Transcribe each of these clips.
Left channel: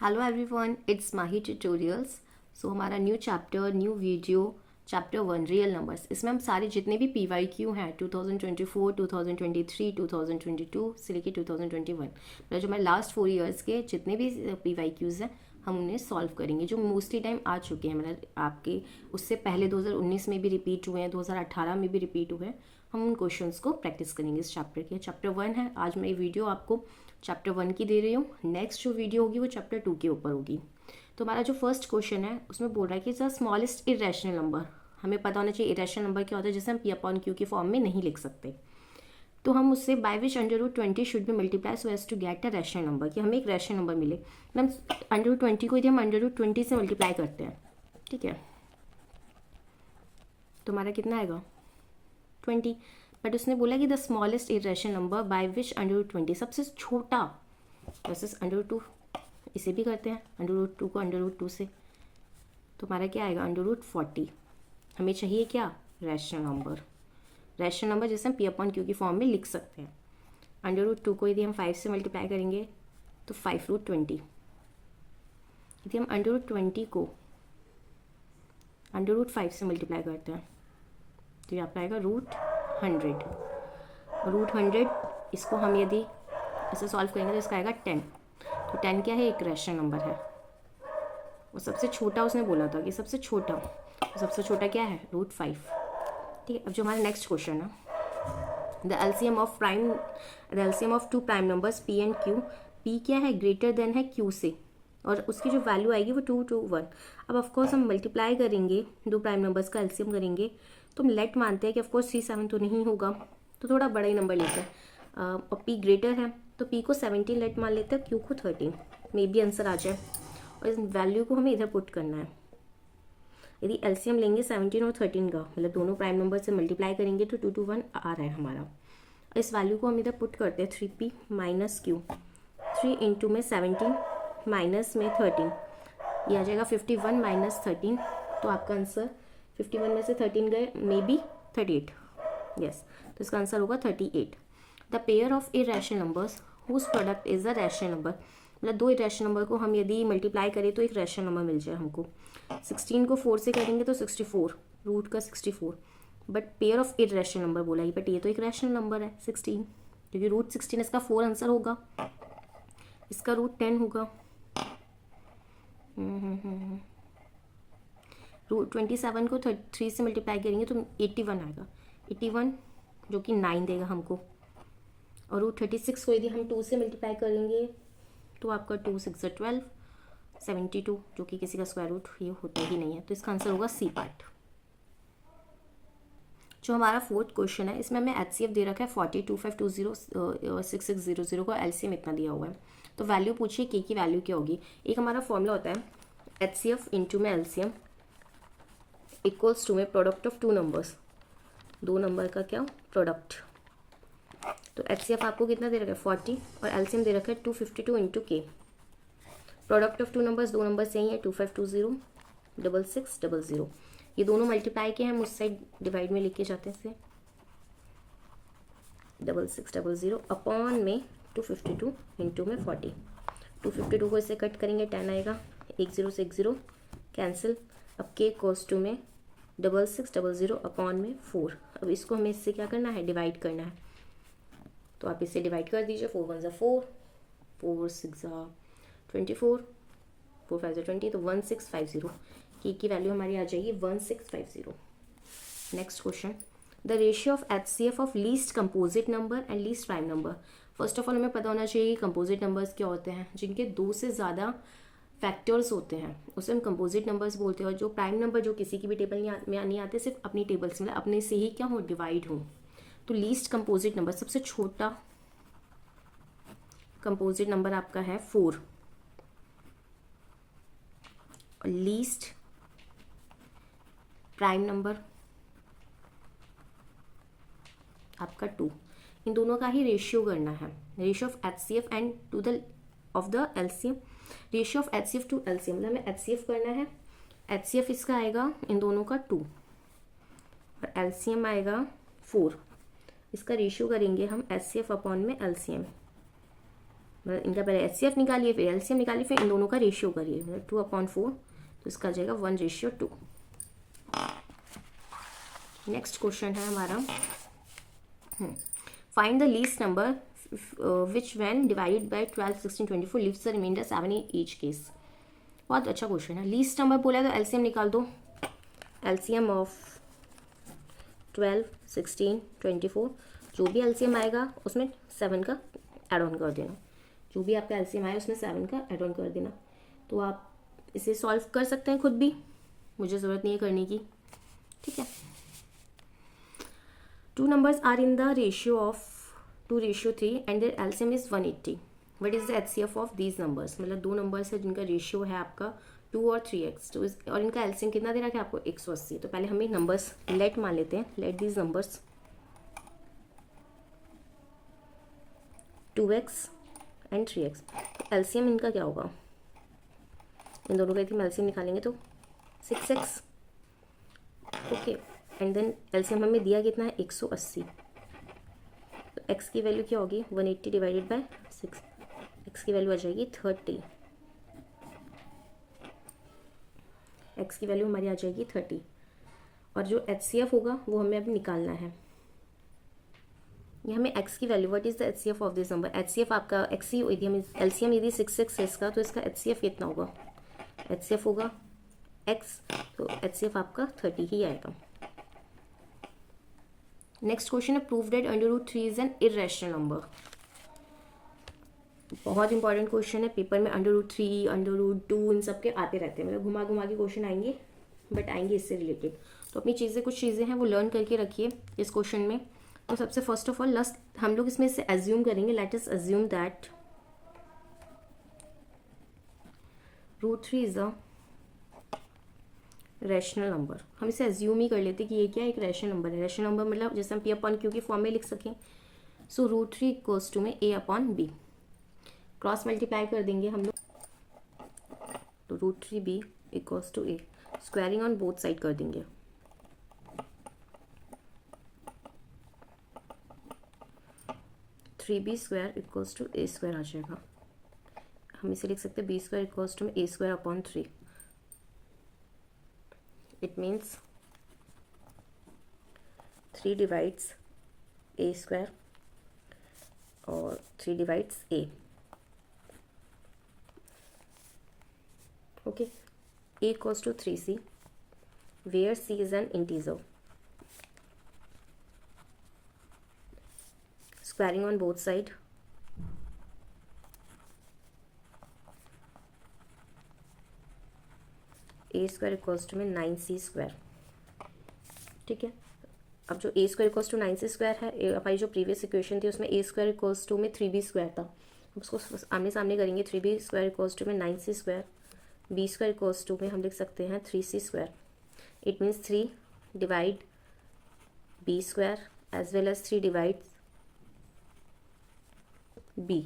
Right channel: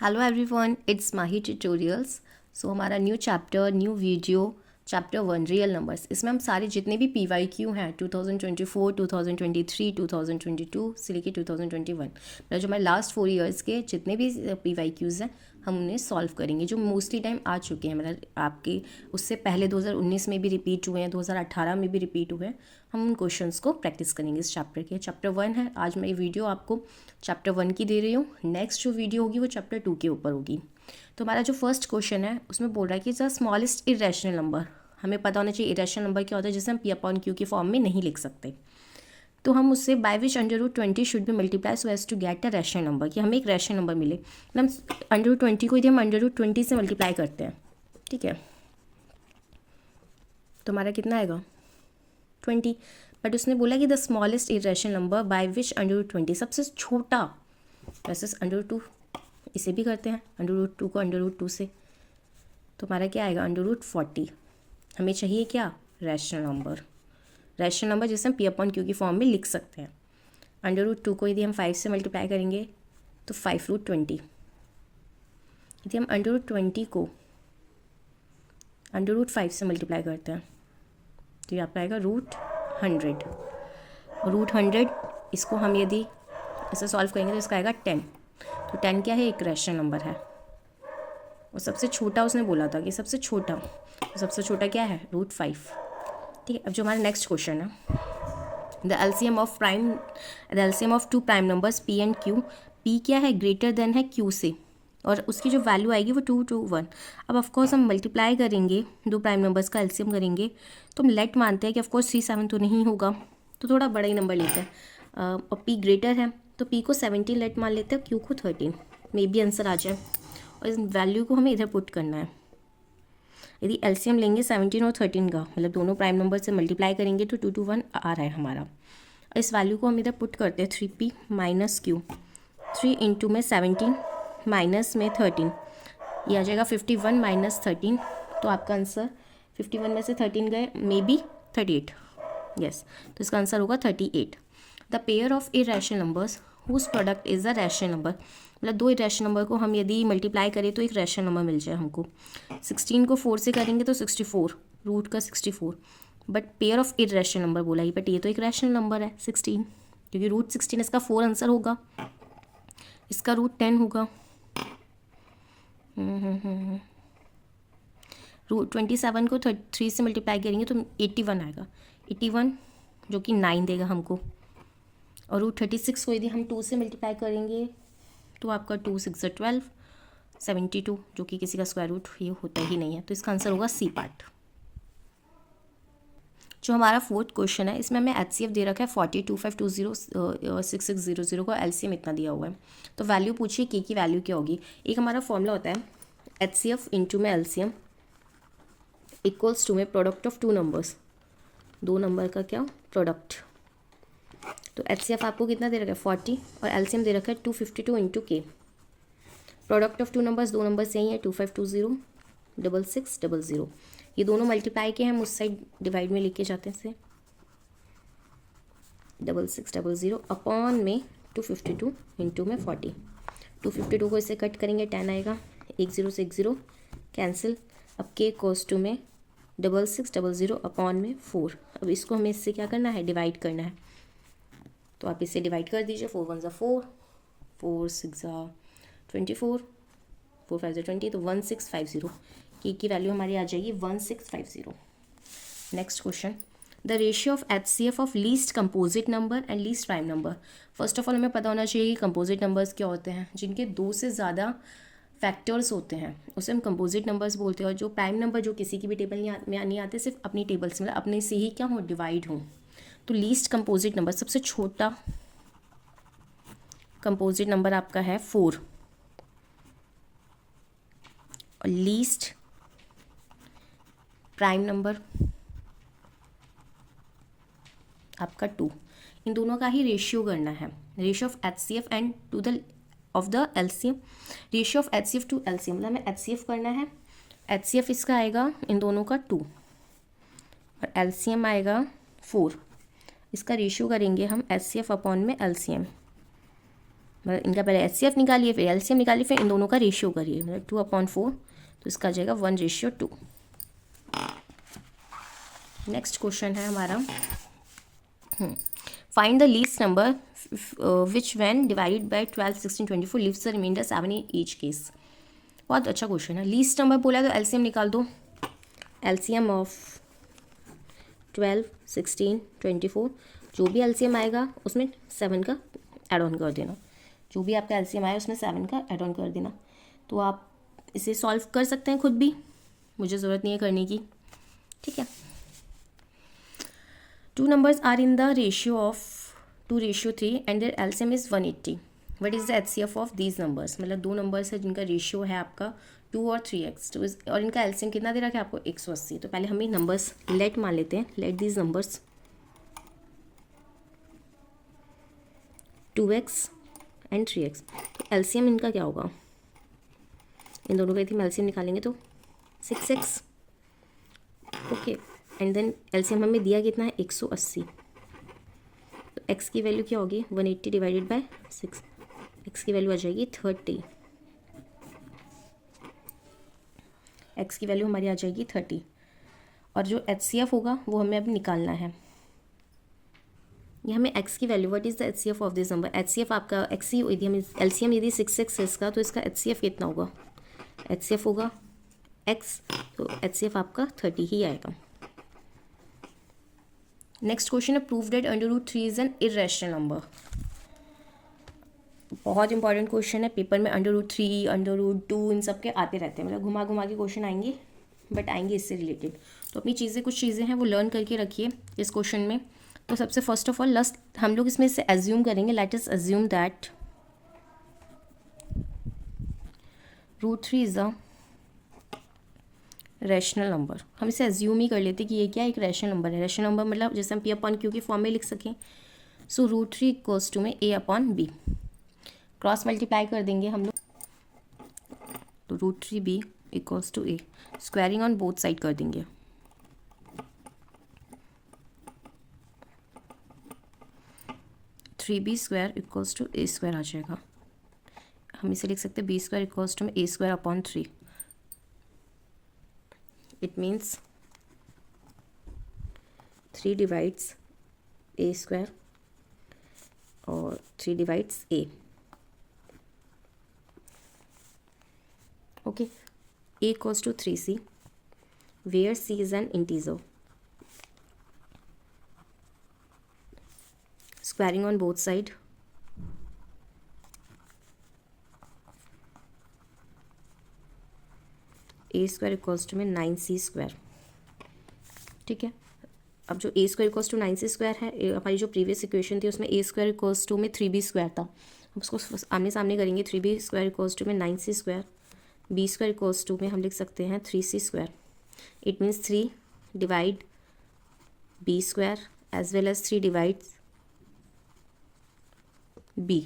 Hello everyone, it's Mahi tutorials. So हमारा new chapter, new video, chapter 1 real numbers. इसमें हम सारे जितने भी PYQ हैं 2024, 2023, 2022 से लेकर 2021, मतलब जो हमारे लास्ट 4 ईयर्स के जितने भी PYQs हैं हम उन्हें सॉल्व करेंगे, जो मोस्टली टाइम आ चुके हैं। मतलब आपके उससे पहले 2019 में भी रिपीट हुए हैं, 2018 में भी रिपीट हुए हैं। हम उन क्वेश्चंस को प्रैक्टिस करेंगे इस चैप्टर के। चैप्टर 1 है। आज मैं ये वीडियो आपको चैप्टर 1 की दे रही हूँ। नेक्स्ट जो वीडियो होगी वो चैप्टर 2 के ऊपर होगी। तो हमारा जो फर्स्ट क्वेश्चन है उसमें बोल रहा है कि द स्मॉलेस्ट इरेशनल नंबर। हमें पता होना चाहिए इरेशनल नंबर क्या होता है, जिसे हम P/Q की फॉर्म में नहीं लिख सकते। तो हम उससे by which √20 should be multiply so as to get a rational number, कि हमें एक रैशनल नंबर मिले। हम √20 को यदि हम √20 से मल्टीप्लाई करते हैं, ठीक है, तो हमारा कितना आएगा 20। बट उसने बोला कि the smallest irrational number by which √20, सबसे छोटा वर्सेस √2। इसे भी करते हैं √2 को √2 से, तो हमारा क्या आएगा √40। हमें चाहिए क्या, रैशनल नंबर। रैशनल नंबर जिसे हम P/Q की फॉर्म में लिख सकते हैं। √2 को यदि हम 5 से मल्टीप्लाई करेंगे तो 5√20। यदि हम √20 को √5 से मल्टीप्लाई करते हैं तो ये आपका आएगा √100। √100 इसको हम यदि ऐसे सॉल्व करेंगे तो इसका आएगा 10। तो 10 क्या है, एक रैशनल नंबर है। और सबसे छोटा उसने बोला था कि सबसे छोटा, तो सबसे छोटा क्या है √5। ठीक है। अब जो हमारा नेक्स्ट क्वेश्चन है, the LCM of two prime numbers P and Q। P क्या है, ग्रेटर देन है Q से, और उसकी जो वैल्यू आएगी वो 2 to 1। अब ऑफकोर्स हम मल्टीप्लाई करेंगे, दो प्राइम नंबर्स का एलसीएम करेंगे, तो हम लेट मानते हैं कि ऑफकोर्स 3 7 तो नहीं होगा, तो थोड़ा बड़ा ही नंबर लेते हैं। और P ग्रेटर है तो P को 17 लेट मान लेते हैं, Q को 13, मे बी आंसर आ जाए। और इस वैल्यू को हमें इधर पुट करना है। यदि एलसीएम लेंगे 17 और 13 का, मतलब दोनों प्राइम नंबर से मल्टीप्लाई करेंगे तो 2 to 1 आ रहा है हमारा। और इस वैल्यू को हम इधर पुट करते हैं 3P माइनस Q। 3 इंटू में 17 माइनस में 13, ये आ जाएगा 51 माइनस 13। तो आपका आंसर 51 में से 13 गए, मे बी 38। यस, तो इसका आंसर होगा 38। The pair of irrational numbers whose product is the rational number. मतलब दो इरेशनल नंबर को हम यदि मल्टीप्लाई करें तो एक रैशनल नंबर मिल जाए हमको। 16 को 4 से करेंगे तो 64, रूट का 64। But pair of irrational number बोला ही, बट ये तो एक रैशनल नंबर है 16, क्योंकि √16 इसका 4 आंसर होगा, इसका √10 होगा। √27 को 3 से मल्टीप्लाई करेंगे तो 81 आएगा, 81 जो कि 9 देगा हमको। और √36 को यदि हम 2 से मल्टीप्लाई करेंगे तो आपका 2 6 12, 72, जो कि किसी का स्क्वायर रूट ये होता ही नहीं है, तो इसका आंसर होगा सी पार्ट। जो हमारा फोर्थ क्वेश्चन है, इसमें हमें HCF दे रखा है 40, 2520, 6600 को LCM इतना दिया हुआ है। तो वैल्यू पूछिए K की वैल्यू क्या होगी। एक हमारा फॉर्मूला होता है HCF इंटू में LCM इक्वल्स टू में प्रोडक्ट ऑफ टू नंबर्स, दो नंबर का क्या प्रोडक्ट। तो HCF आपको कितना दे रखा है 40, और LCM दे रखा है 252 into K। Product of two numbers, दो नंबर सेम है, 2520 6600। ये दोनों मल्टीप्लाई के हम उस साइड डिवाइड में लेके जाते हैं से 6600 अपॉन में 252 इंटू में 40। 252 को इससे कट करेंगे 10 आएगा, 10 से 10 कैंसिल। अब K कोस टू में 6600 अपॉन में 4। अब इसको हमें इससे क्या करना है, डिवाइड करना है। तो आप इसे डिवाइड कर दीजिए, 4 1 4, 4 6 24, 4 5 20, तो 1650 की वैल्यू हमारी आ जाएगी 1650। Next question, the ratio of HCF of least composite number and least prime number. First of all हमें पता होना चाहिए कंपोजिट नंबर्स क्या होते हैं, जिनके 2 से ज़्यादा फैक्टर्स होते हैं उसे हम कंपोजिट नंबर्स बोलते हैं। और जो प्राइम नंबर जो किसी की भी टेबल में नहीं आते, सिर्फ अपनी टेबल से, मतलब अपने से ही क्या हो, डिवाइड हो। तो लीस्ट कंपोजिट नंबर, सबसे छोटा कंपोजिट नंबर आपका है 4, और लीस्ट प्राइम नंबर आपका 2। इन दोनों का ही रेशियो करना है, ratio of HCF and to the of the LCM। Ratio of HCF to LCM, मतलब हमें HCF करना है। HCF इसका आएगा इन दोनों का 2, और LCM आएगा 4। इसका रेशियो करेंगे हम HCF अपॉन में LCM, मतलब इनका पहले HCF निकालिए, फिर LCM निकालिए, फिर इन दोनों का रेशियो करिए, मतलब 2/4, तो इसका आ जाएगा 1:2। नेक्स्ट क्वेश्चन है हमारा, find the least number which when divided by 12, 16, 24 leaves the remainder 7 in each case. बहुत अच्छा क्वेश्चन है। लीस्ट नंबर बोला तो LCM निकाल दो। LCM ऑफ 12, 16, 24, जो भी LCM आएगा उसमें 7 का एड ऑन कर देना। जो भी आपका LCM आया उसमें 7 का एड ऑन कर देना। तो आप इसे सॉल्व कर सकते हैं खुद भी, मुझे ज़रूरत नहीं है करने की, ठीक है। 2 numbers are in the ratio of 2:3 and their LCM is 180. What is the HCF of these numbers? मतलब 2 नंबर्स है जिनका रेशियो है आपका 2 और 3x, तो और इनका LCM कितना दे रखा है आपको 180। तो पहले हम ये नंबर्स लेट मान लेते हैं, let these numbers 2x and 3x। तो LCM इनका क्या होगा, इन दोनों का यदि हम LCM निकालेंगे तो 6x, okay. And then LCM हमें दिया कितना है 180, तो x की वैल्यू क्या होगी 180 डिवाइडेड बाय 6, x की वैल्यू आ जाएगी 30, x की वैल्यू हमारी आ जाएगी 30। और जो HCF होगा वो हमें अब निकालना है। ये हमें x की value, what is the HCF of this number, HCF आपका x ही, यदि हमें LCM यदि 6 है इसका, तो इसका HCF कितना होगा, HCF होगा x, तो HCF आपका 30 ही आएगा। नेक्स्ट क्वेश्चन है, prove that √3 is an irrational number. बहुत इंपॉर्टेंट क्वेश्चन है, पेपर में √3, √2 इन सब के आते रहते हैं, मतलब घुमा घुमा के क्वेश्चन आएंगे, बट आएंगे इससे रिलेटेड। तो अपनी चीज़ें, कुछ चीज़ें हैं वो लर्न करके रखिए इस क्वेश्चन में। तो सबसे फर्स्ट ऑफ ऑल हम लोग इसमें से एज्यूम करेंगे, let us assume that √3 is a rational number. हम इसे एज्यूम ही कर लेते कि ये क्या एक रैशनल नंबर है। रैशनल नंबर मतलब जैसे हम P/Q की फॉर्म में लिख सकें। सो √3 इक्वल्स टू में A/B, क्रॉस मल्टीप्लाई कर देंगे हम लोग, तो √3B equals to A, squaring on both side कर देंगे। (3B² इक्वल्स टू A² आ जाएगा। हम इसे लिख सकते हैं B² इक्वल्स टू में A²/3। It means 3 divides A² और 3 divides A, okay. A equals to 3C, where C is an integer. Squaring on both side, A² equals to में 9C², ठीक है। अब जो A² इक्वल्स टू 9C² है, हमारी जो प्रीवियस इक्वेशन थी उसमें A² इक्वल्स टू में 3B² था, उसको आमने सामने करेंगे। 3B² इक्वल्स टू में 9C², B² इक्वल्स टू में हम लिख सकते हैं 3C²। It means 3 divide B² as well as 3 divides B।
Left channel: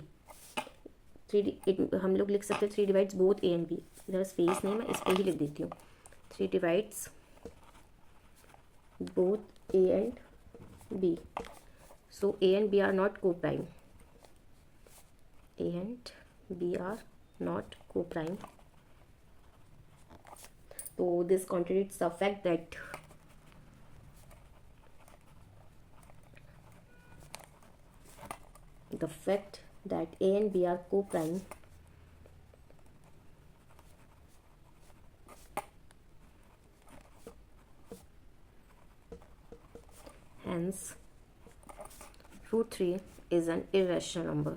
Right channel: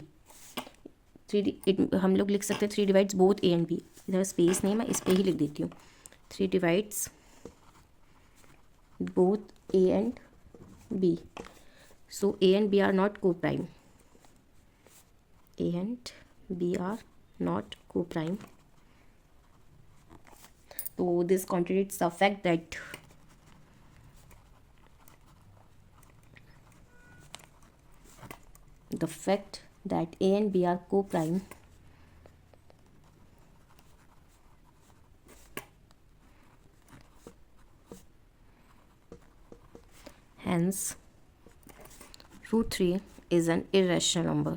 हम लोग लिख सकते हैं 3 divides both A and B। इधर स्पेस नहीं, मैं इस पर ही लिख देती हूँ, 3 divides both A and B। So A and B are not coprime, A and B are not coprime. So this contradicts the fact that A and B are co-prime, hence √3 is an irrational number.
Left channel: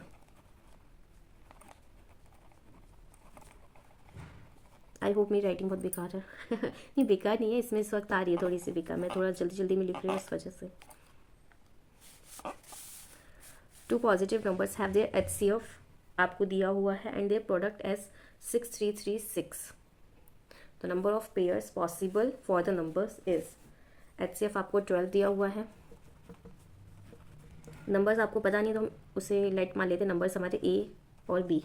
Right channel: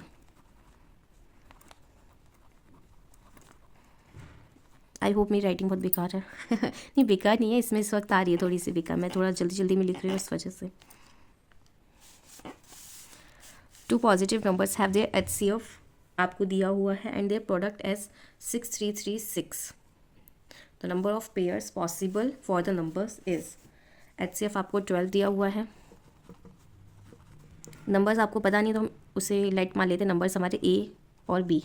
I hope मेरी writing बहुत बेकार है नहीं बेकार नहीं है, इसमें इस वक्त आ रही है थोड़ी सी बेकार, मैं थोड़ा जल्दी जल्दी में लिख रही हूँ उस वजह से। 2 positive numbers have their HCF आपको दिया हुआ है and their product as 6336। The number of pairs possible for the numbers is, HCF आपको 12 दिया हुआ है। नंबर्स आपको पता नहीं तो हम उसे लेट मान लेते, नंबर्स हमारे A और B,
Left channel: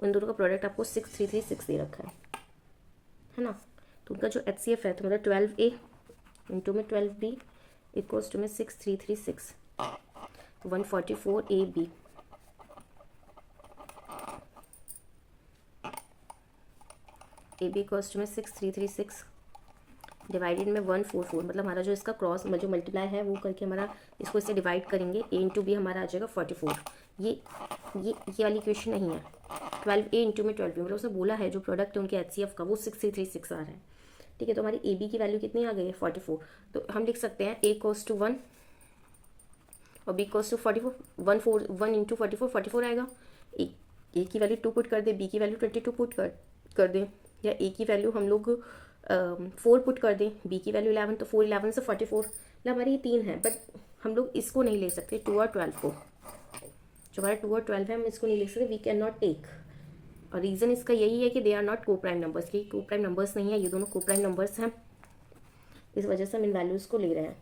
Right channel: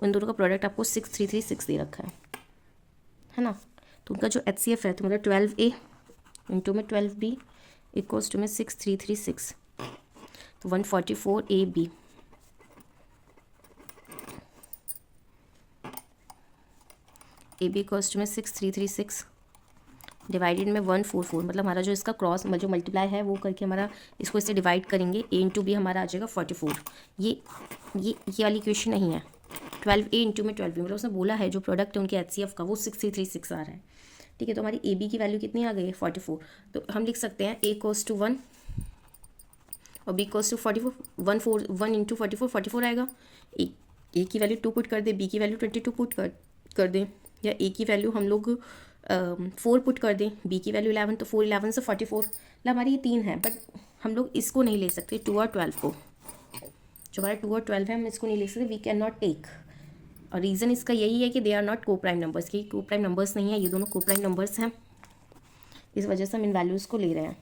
उन दोनों का प्रोडक्ट आपको 6336 दे रखा है ना। तो उनका जो HCF है तो मतलब 12A इंटू में 12B इक्वल्स टू में 6336, तो 144AB। A B equals to में 6336 डिवाइडेड में 144, मतलब हमारा जो इसका क्रॉस जो मल्टीप्लाई है वो करके हमारा इसको इससे डिवाइड करेंगे, ए इंटू बी हमारा आ जाएगा 44। ये वाली इक्वेशन नहीं है। 12a इंटू में 12b, मतलब उसने बोला है जो प्रोडक्ट है उनके HCF का वो 6336 आ रहा है। ठीक है, तो हमारी ए बी की वैल्यू कितनी आ गई है 44। तो हम लिख सकते हैं ए कोस टू 1 और बी कोस टू 44। 1 इंटू 44 आएगा। ए की वैल्यू 2 पुट कर दें, बी की वैल्यू 22 पुट कर दें, या ए की वैल्यू हम लोग 4 पुट कर दें, बी की वैल्यू 11, तो 4 11 से 44, मतलब हमारी ये 3 है। बट हम लोग इसको नहीं ले सकते 2 और 12 को, जो हमारा 2 और 12 है हम इसको नहीं ले सकते, वी कैन नॉट टेक। और रीज़न इसका यही है कि दे आर नॉट को प्राइम नंबर्स, कि को प्राइम नंबर्स नहीं है, ये दोनों को प्राइम नंबर्स हैं, इस वजह से हम इन वैल्यूज़ को ले रहे हैं।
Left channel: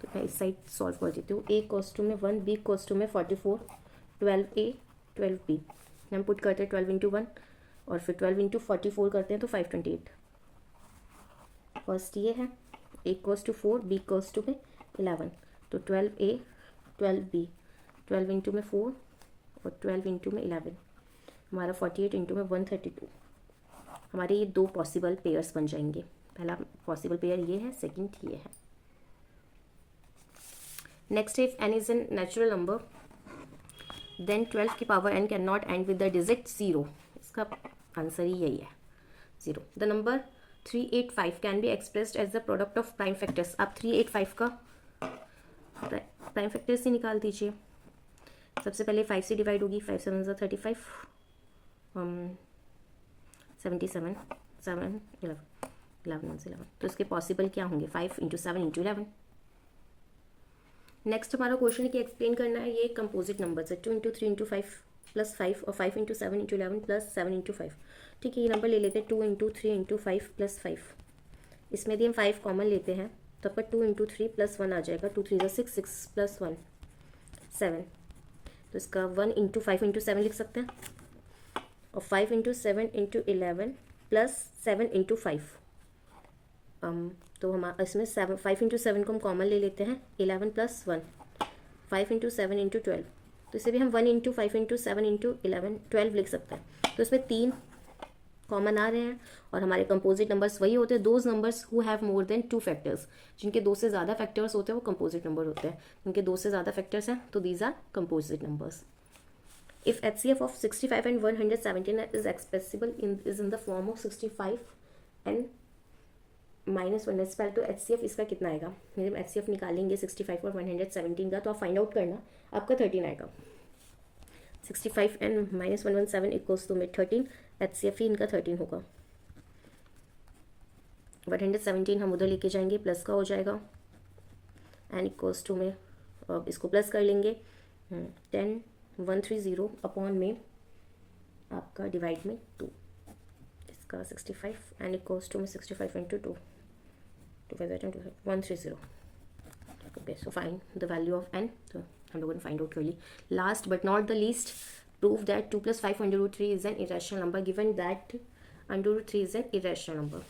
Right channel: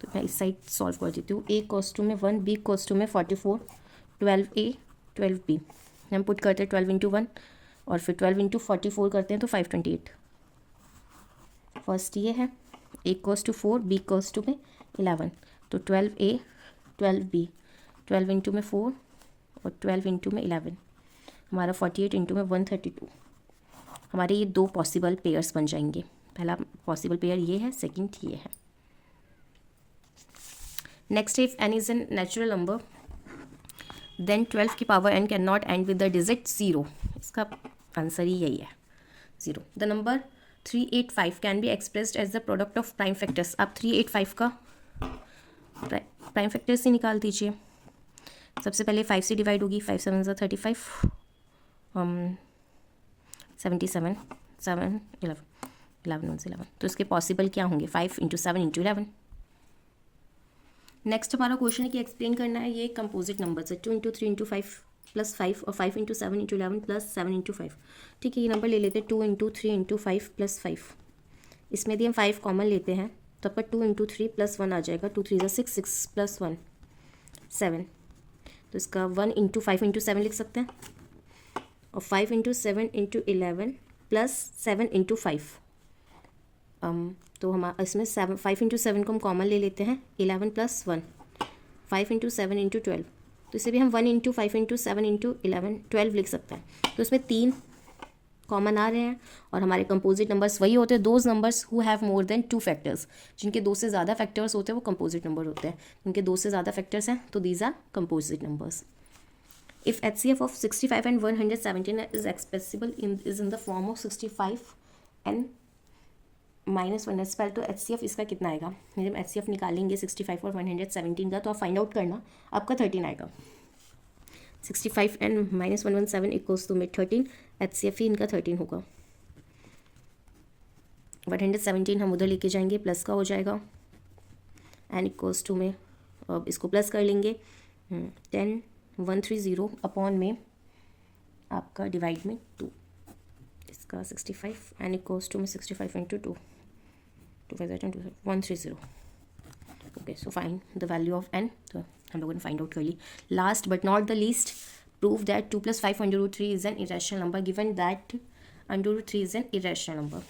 तो मैं इस साइड सॉल्व कर देती हूँ। ए कोस टू में 1, बी कोस टू में 44, 12a 12b, हम पुट करते हैं 12 इंटू 1 और फिर 12 इंटू 44 करते हैं तो 528। फर्स्ट ये है ए कोस टू 4, बी कोस टू में 11, तो 12a 12b, 12 इंटू में 4 और 12 इंटू में 11, हमारा 48 इंटू में 132। हमारे ये दो पॉसिबल पेयर्स बन जाएंगे। पहला पॉसिबल पेयर ये है, सेकंड ये है। Next, if n is an natural number then 12 की power n can not end with the digit 0। इसका आंसर ही यही है, 0। The number 385 can be expressed as the product of prime factors. आप 385 का प्राइम फैक्टर्स ही निकाल दीजिए। सबसे पहले 5 से डिवाइड होगी, 5 7 ज़ा 35, 77, 7 11 11 1 से 11, तो इसके पॉसिबल क्या होंगे, 5 इंटू 7 इंटू 11। नेक्स्ट हमारा क्वेश्चन है कि एक्सप्लेन करना है ये कंपोजिट नंबर है, 2 इंटू 3 इंटू 5 प्लस 5 और 5 इंटू 7 इंटू 11 प्लस 7 इंटू 5। ठीक है, ये नंबर ले लेते हैं 2 इंटू 3 इंटू 5 प्लस 5। इसमें यदि हम 5 कॉमन लेते हैं तो आपका 2 इंटू 3 प्लस 1 आ जाएगा, 2 3 ज़ा 6, 6 प्लस 1 7, तो इसका 1 इंटू 5 इंटू 7 लिख सकते हैं, और 5 इंटू 7 इंटू 11 प्लस 7 इंटू 5। तो हम इसमें 5 इंटू 7 को हम कॉमन ले लेते हैं, 11 प्लस 1, 5 इंटू 7 इंटू 12, तो इसे भी हम 1 इंटू 5 इंटू 7 इंटू 11 12 लिख सकते हैं। तो इसमें 3 कॉमन आ रहे हैं, और हमारे कंपोजिट नंबर्स वही होते हैं, those numbers who have more than 2 factors. जिनके 2 से ज़्यादा फैक्टर्स होते हैं वो कंपोजिट नंबर होते हैं, जिनके 2 से ज़्यादा फैक्टर्स हैं तो these are composite numbers. If HCF of 65 and 117 is expressible is in the form of 65 and minus 1 square, तो HCF इसका कितना आएगा। जब HCF निकालेंगे 65 और 117 का, तो आप फाइंड आउट करना, आपका 13 आएगा। 65 एंड माइनस 117 इक्वल्स टू में 13, HCF ही इनका 13 होगा। 117 हम उधर लेके जाएंगे, प्लस का हो जाएगा, एंड इक्वल्स टू में अब इसको प्लस कर लेंगे, 10 130 अपॉन में आपका डिवाइड में 2, इसका 65 एंड इक्वल्स टू में 65 into 2 130। Okay, so find the value of n, तो हम लोगों ने फाइंड आउट कर ली। Last but not the least, prove that 2 + 5 √3 is an irrational number given that √3 is an irrational number.